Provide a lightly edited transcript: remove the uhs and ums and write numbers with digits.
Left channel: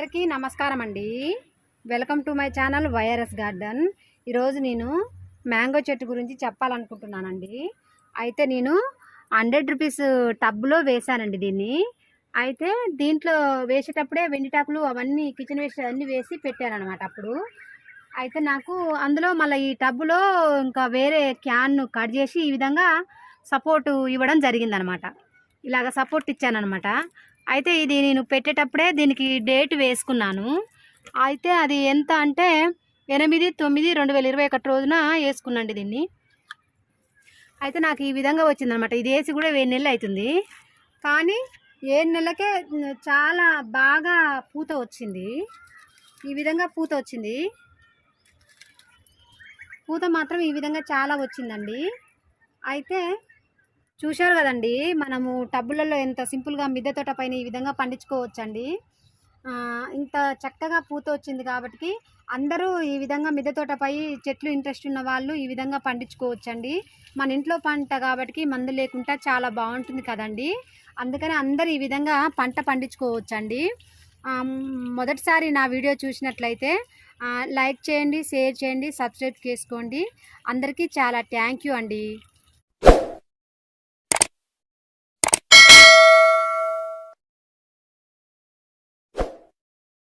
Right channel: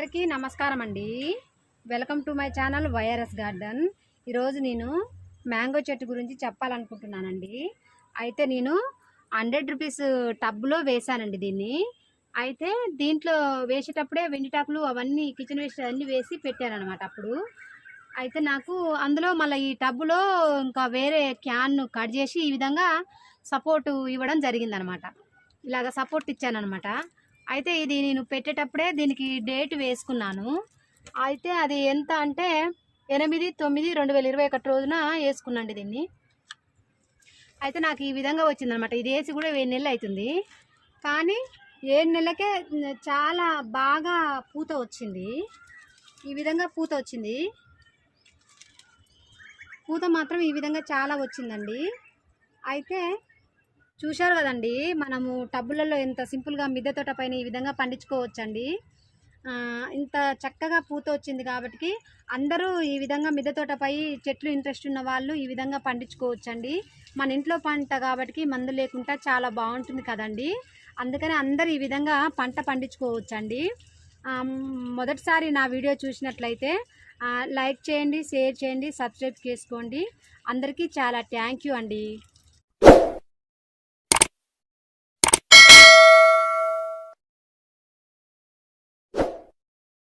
అందరికీ నమస్కారం అండి. Welcome to my channel YRS garden. ఈరోజు నేను మ్యాంగో చెట్టు గురించి చెప్పాలనుకుంటున్నానండి. అయితే నేను 100 రూపీస్ టబ్లో వేశానండి దీన్ని. అయితే దీంట్లో వేసేటప్పుడే వెండిటాకులు అవన్నీ కిచెన్ వేస్ట్ అన్నీ వేసి పెట్టారనమాట అప్పుడు. అయితే నాకు అందులో మళ్ళీ ఈ టబ్లో ఇంకా వేరే క్యాన్ను కట్ చేసి ఈ విధంగా సపోర్టు ఇవ్వడం జరిగిందనమాట. ఇలాగ సపోర్ట్ ఇచ్చానమాట. అయితే ఇది నేను పెట్టేటప్పుడే దీనికి డేట్ వేసుకున్నాను. అయితే అది ఎంత అంటే 8/9/2021 రోజున వేసుకున్నాండి దీన్ని. అయితే నాకు ఈ విధంగా వచ్చిందనమాట. ఇది వేసి కూడా 7 నెలలు అవుతుంది. కానీ 7 నెలలకే చాలా బాగా పూత వచ్చింది. ఈ విధంగా పూత వచ్చింది. పూత మాత్రం ఈ విధంగా చాలా వచ్చిందండి. అయితే చూశారు కదండి, మనము టబ్బులలో ఎంత సింపుల్గా మిద్దె తోట పైన ఈ విధంగా పండించుకోవచ్చండి. ఇంత చక్కగా పూత వచ్చింది కాబట్టి అందరూ ఈ విధంగా మిద్దె తోటపై చెట్లు ఇంట్రెస్ట్ ఉన్న వాళ్ళు ఈ విధంగా పండించుకోవచ్చండి. మన ఇంట్లో పంట కాబట్టి మందు లేకుండా చాలా బాగుంటుంది కదండి. అందుకని అందరూ ఈ విధంగా పంట పండించుకోవచ్చండి. మొదటిసారి నా వీడియో చూసినట్లయితే లైక్ చేయండి, షేర్ చేయండి, సబ్స్క్రైబ్ చేసుకోండి. అందరికీ చాలా థ్యాంక్ యూ అండి.